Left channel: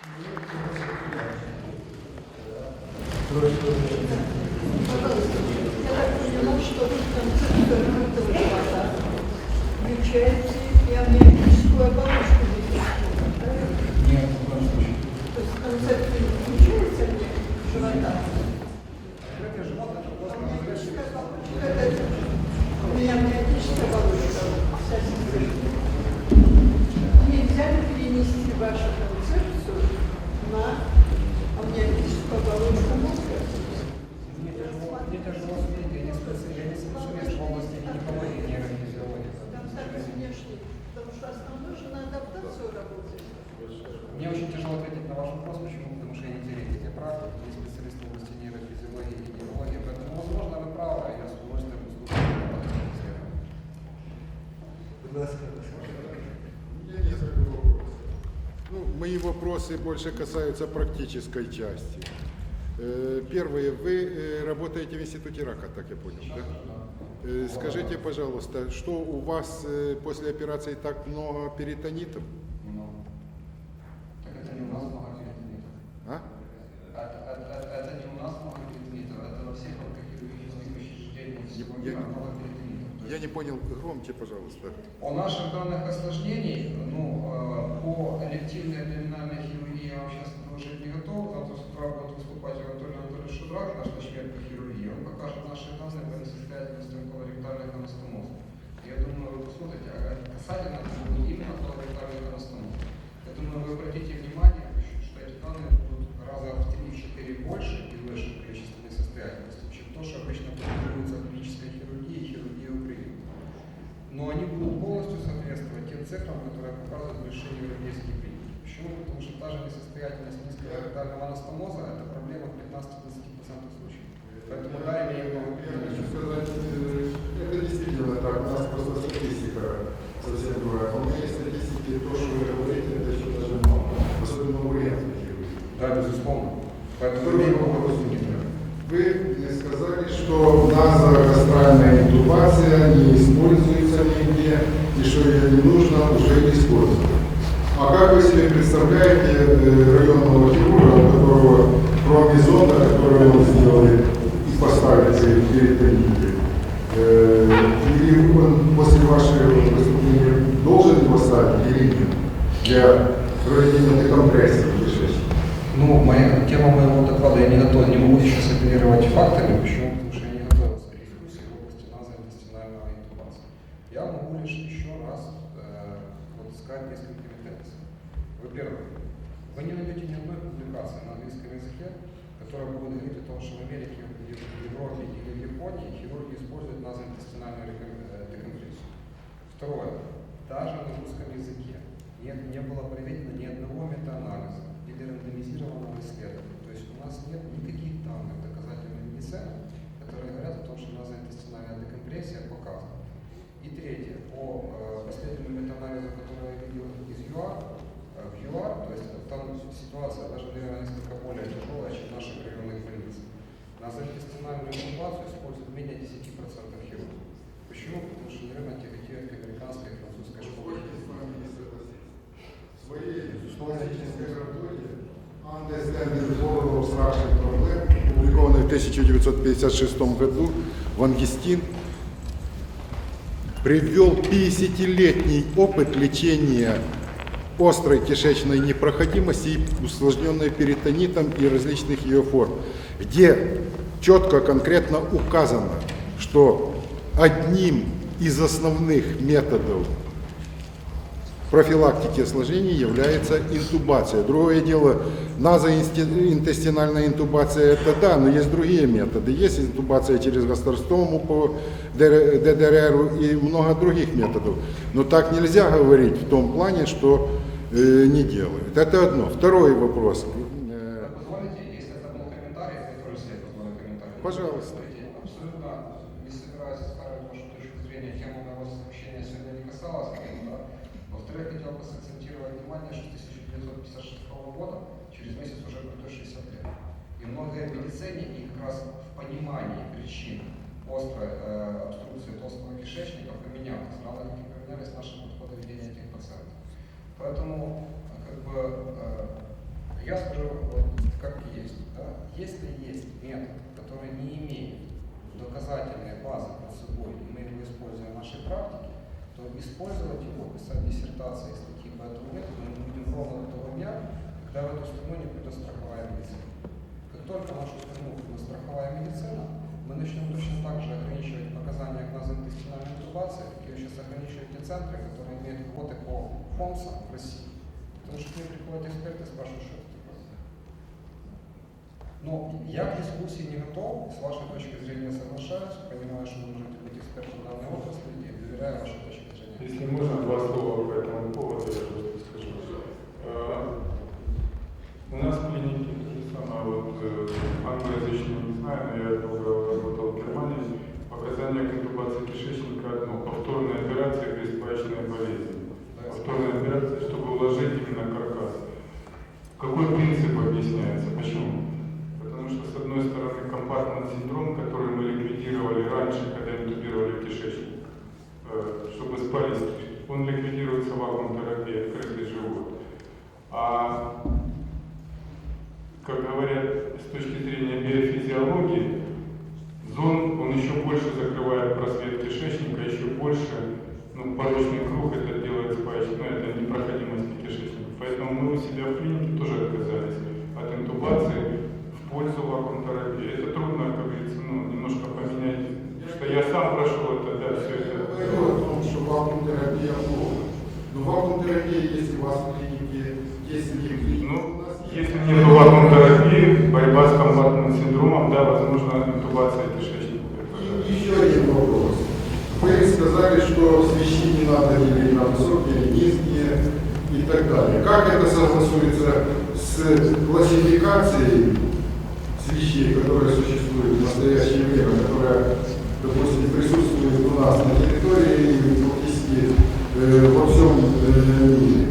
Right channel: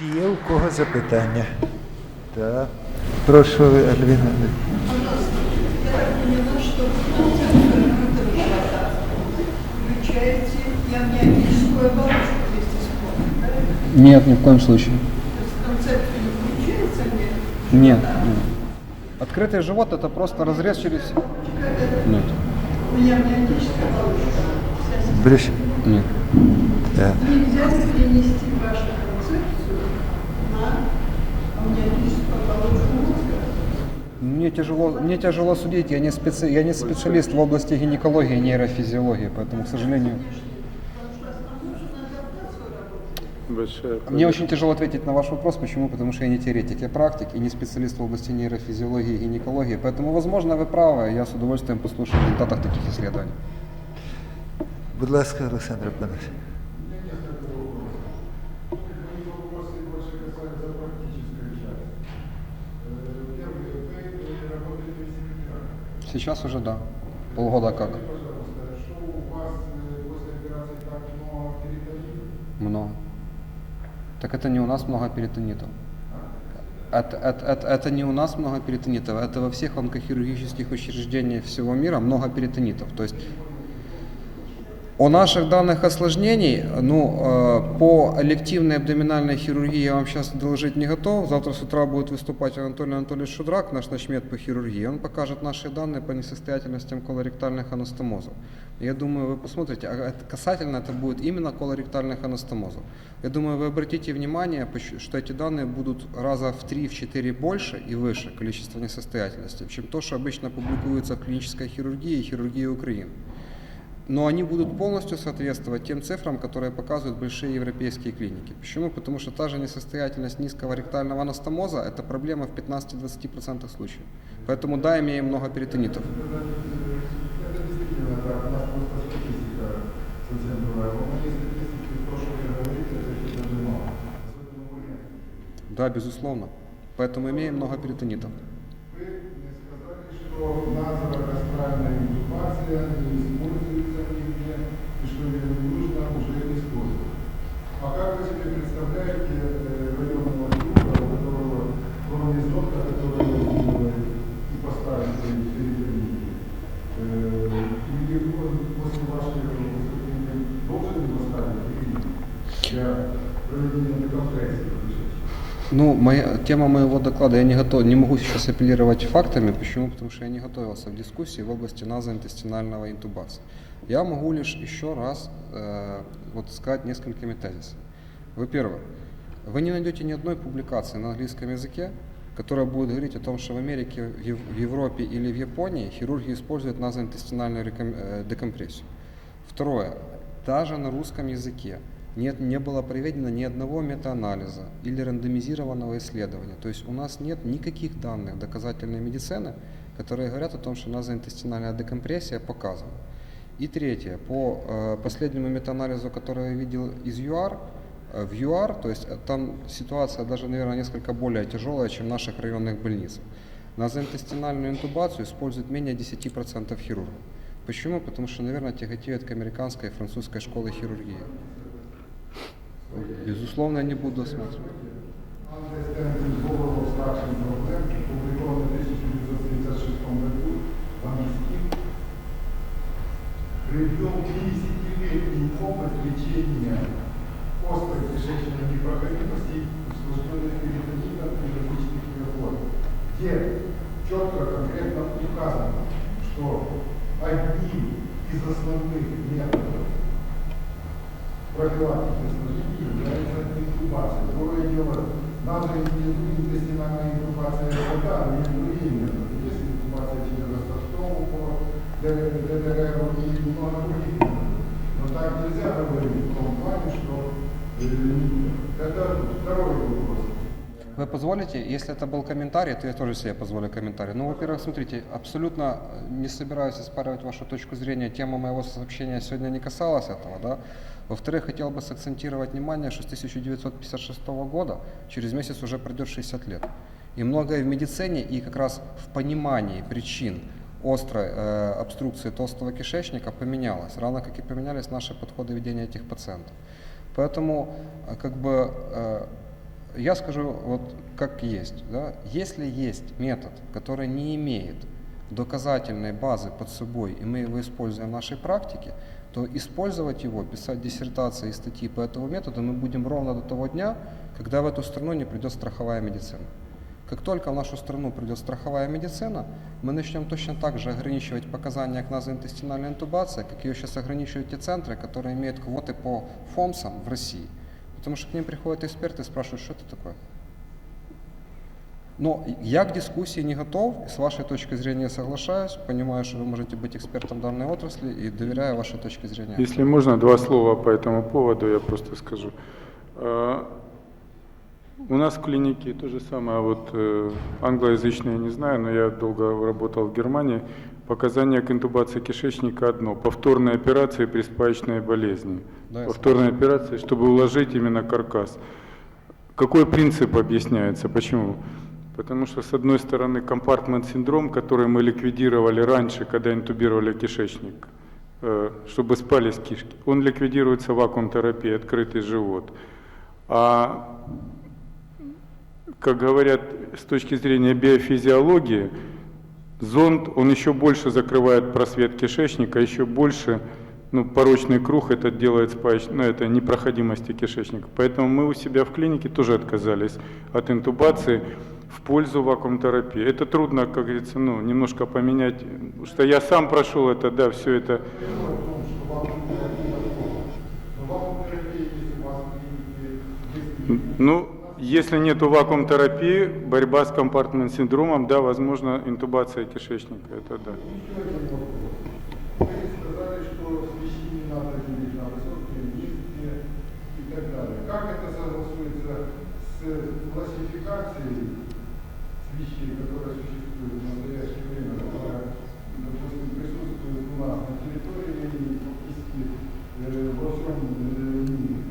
Чи є у кого запитання? Так. Прошу, Альвіна. поняла, что там центр открытого живота включаете и амниотическую оболочку вместе с правильно? Нет, ни в коем случае. То есть в концепцию не включается амниотическая Нет. Открытый живот это просто разрез через... Нет. У меня амниотическая оболочка. Ближче. Нет. Так. Нельзя перенести вашу Мне тяжело, мне тяжело судить, я не, специ, я не специалист в области гинекологии и нейрофизиологии, поэтому, к сожалению. Большая мне очень тяжело ответить на ваш вопрос, почему? Потому что я не теоретик, я практик и не специалист в области нейрофизиологии и гинекологии, поэтому, возможно, вы правы, я с удовольствием послушаю о результатах таких исследований. Будь ласка, Олександр Панович. Мои вопросы больше касаются практической части. Э, Первое, вы э, работаете в институте рака, так я понял? Сейчас уже да, Э, полгода Скажите, как. пожалуйста, что у вас после операции так много перитонитов? Много. Так это не у нас много перитонитов. А? Это, это, это, это не у нас много перитонитов, это во всех онкохирургических учреждениях всего мира много перитонитов. То есть Я не понял, громче, пожалуйста. О наших данных осложнений, ну, э, по элективной абдоминальной хирургии я вам сейчас доложить не готов. Завтра с утра будет выступать Анатолий Анатольевич Шудрак, наш начмет по хирургии. Он покажет наши данные по несостоятельностям колоректальных анастомозов. Я думаю, вы посмотрите, а касательно это будет именно колоректальных анастомозов. Я думаю, вы обратите внимание, что эти данные будут раза в 3-4 больше и выше количество несостоятельностей, чем то, что обычно публикуется в клинической хирургии и хирургии Украины но они будут полностью соответствовать тем цифрам, которые показывают большие европейские клиники. Почему? Потому что та же несостоятельность низкого ректального анастомоза – это проблема в 15-20% случаев. Поэтому да, имеем много перитонитов. У нас. У. Да, безусловно. Поэтому имеем много перитонитов. Вы мне сказали, что назогастральная интубация не используется нигде, и что ее не нужно уже использовать. А как вы себе представляете э, районного хирурга, у которого кроме зонда, которую вы сделали и поставили себе перитониты, э, или он после вашего выступления должен его ставить или нет для проведения декомпрессии? Ну, моя тема моего доклада, я не готов, не могу сейчас апеллировать фактами. Почему? Потому что я не готовился в дискуссии в области назоинтестинального интубации. Я могу лишь еще раз э, вот сказать несколькими тезисами. Во-первых, вы не найдете ни одной публикации на английском языке, которая будет говорить о том, что в Америке, в Ев- в Европе или в Японии хирурги используют назоинтестинальную э, декомпрессию. Второе. Даже на русском языке нет, не было проведено ни одного метаанализа или рандомизированного исследования. То есть у нас нет никаких данных доказательной медицины, которые говорят о том, что назоинтестинальная декомпрессия показана. И третье, по э, последнему метаанализу, который я видел из ЮАР, э, в ЮАР, то есть э, там ситуация даже, наверное, несколько более тяжелая, чем в наших районных больницах. Назоинтестинальную интубацию используют менее 10% хирургов. Почему? Потому что, наверное, тяготеют к американской и французской школе хирургии. Безусловно, я не буду смотреть. Understanding Global Obstruction Problem, опубликованный в 1956 году, Ван Гестин привел 50-летний опыт лечения острой кишечной непроходимости, усложненной перитонитом и различных ее форм, где четко, конкретно указано, что одним из основных методов профилактики осложнений является интубация. Другое дело, назоинтестинальная интубация это да, но есть другие методы. Есть интубация через гастростому по ДР ДДР и много других методов. Но так нельзя говорить в том плане, что э, не делают. Это одно. Второй вопрос. Вы позволите, если это был комментарий, то я тоже себе позволю комментарий. Ну, во-первых, смотрите, абсолютно не собираюсь оспаривать вашу точку зрения. Тема моего сообщения сегодня не касалась этого, да. Во-вторых, хотел бы сакцентировать внимание, что с 1956 года через месяц уже пройдет 60 лет. И многое в медицине и как раз в понимании причин острой э, обструкции толстого кишечника поменялось, равно как и поменялись наши подходы ведения этих пациентов. Поэтому, э, как бы, э, Я скажу вот как есть. Да? Если есть метод, который не имеет доказательной базы под собой, и мы его используем в нашей практике, то использовать его, писать диссертации и статьи по этому методу мы будем ровно до того дня, когда в эту страну не придет страховая медицина. Как только в нашу страну придет страховая медицина, мы начнем точно так же ограничивать показания к назоинтестинальной интубации, как ее сейчас ограничивают те центры, которые имеют квоты по ФОМСам в России. Потому что к ним приходят эксперты и спрашивают, что это такое. Но я к дискуссии не готов, с вашей точки зрения соглашаюсь, понимаю, что вы можете быть экспертом данной отрасли и доверяю вашей точке зрения. Если можно, два слова по этому поводу я просто скажу. Э, У нас в клинике то же самое, вот э, англоязычные не знаю, но я долго работал в Германии. Показания к интубации кишечника одно. Повторные операции при спаечной болезни. Да, Повторные операции, чтобы уложить именно каркас. Какой принцип объясняется? Почему? Потому что, с одной стороны, компартмент-синдром, который мы ликвидировали раньше, когда интубировали кишечник, э, чтобы спались кишки, он ликвидируется вакуум-терапией, открытый живот. А, как говорят с точки зрения биофизиологии, зонд, он еще больше закрывает просвет кишечника, еще больше ну, порочный круг это делает ну, это непроходимости кишечника. Поэтому мы у себя в клинике тоже отказались от интубации в пользу вакуум-терапии. Это трудно, как говорится, ну, немножко поменять, что я сам прошел это, да, все это. Ну, если нет вакуум-терапии, борьба с компактным синдромом, да, возможно, интубация кишечника. Это да. И еще один вопрос. Вы сказали, что свищи не надо делить на высокие, низкие и так далее. Как это согласуется с классификацией свищей, которые существуют в настоящее время, которая, допустим, присутствует у нас на территории и практически э, во всем э, мире?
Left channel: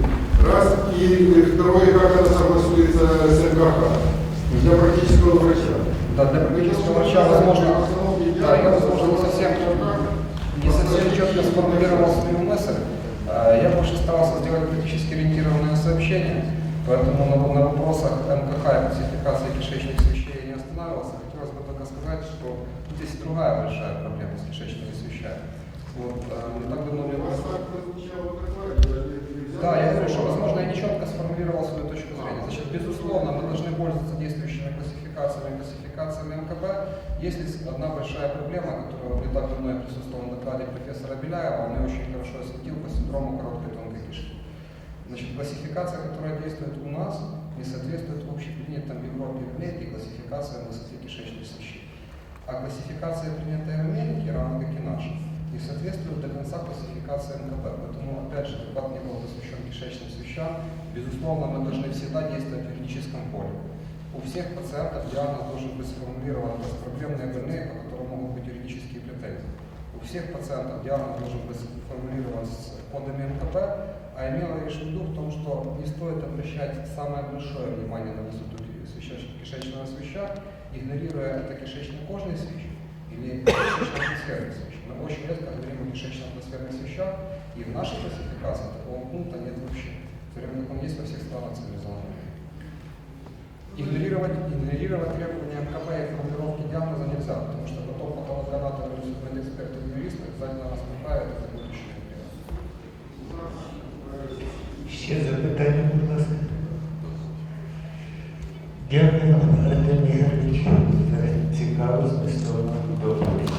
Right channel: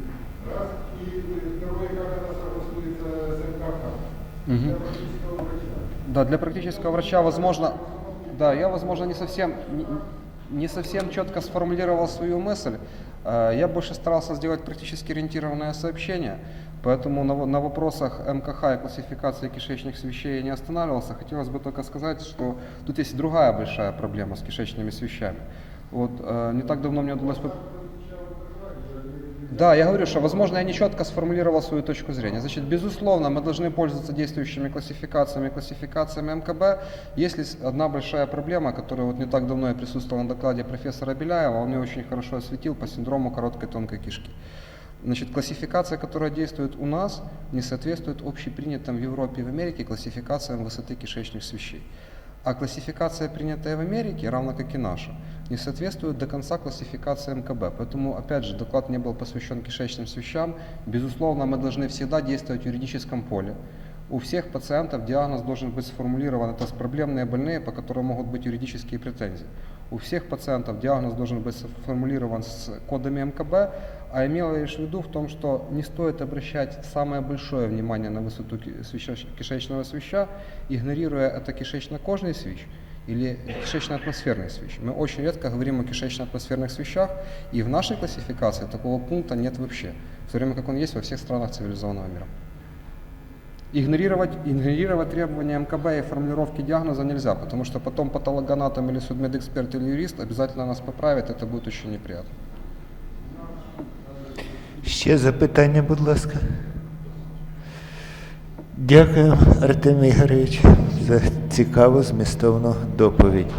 Раз. И второе, как это согласуется с МКХ для практического врача? Да, для практического врача, возможно, да, я, возможно, не совсем, не совсем четко сформулировал свою мысль. Больше старался сделать практически ориентированное сообщение, поэтому на, на вопросах МКХ и классификации кишечных свещей я не останавливался. Хотелось бы только сказать, что тут есть другая большая проблема с кишечными свещами. Вот э, не так давно мне удалось... Да, я говорю, что, возможно, я не четко сформулировал свою точку зрения. Значит, безусловно, мы должны пользоваться действующими классификациями, классификациями МКБ. Есть ли одна большая проблема, которая вот не так давно я присутствовал на докладе профессора Беляева, он мне очень хорошо осветил по синдрому короткой тонкой кишки. Значит, классификация, которая действует у нас, не соответствует общепринятым в Европе и в Америке классификациям высоты кишечных свищей. А классификация, принятая в Америке, равно как и наша, не соответствует до конца классификации МКБ. Поэтому, опять же, доклад не был посвящен кишечным свещам. Безусловно, мы должны всегда действовать в юридическом поле. У всех пациентов диагноз должен быть сформулирован, это проблемные больные, по которым могут быть юридические претензии. У всех пациентов диагноз должен быть сформулирован с кодами МКБ, а имела лишь в виду в том, что не стоит обращать самое большое внимание на высоту кишечного свища, игнорируя это кишечно-кожный свищ или кишечно-атмосферный свищ. Мы очень редко говорим о кишечно-атмосферных свищах, и в нашей классификации такого пункта нет вообще, в то время как он есть во всех странах цивилизованного мира. Игнорировать, игнорировать требования МКБ и формулировки диагноза нельзя, потому что потом патологоанатом или судмедэксперт или юрист обязательно нас поправит, это будет очень неприятно. Ще запитання, будь ласка. Дякую, Артемій Ігорович, за цікаву змістовну доповідь.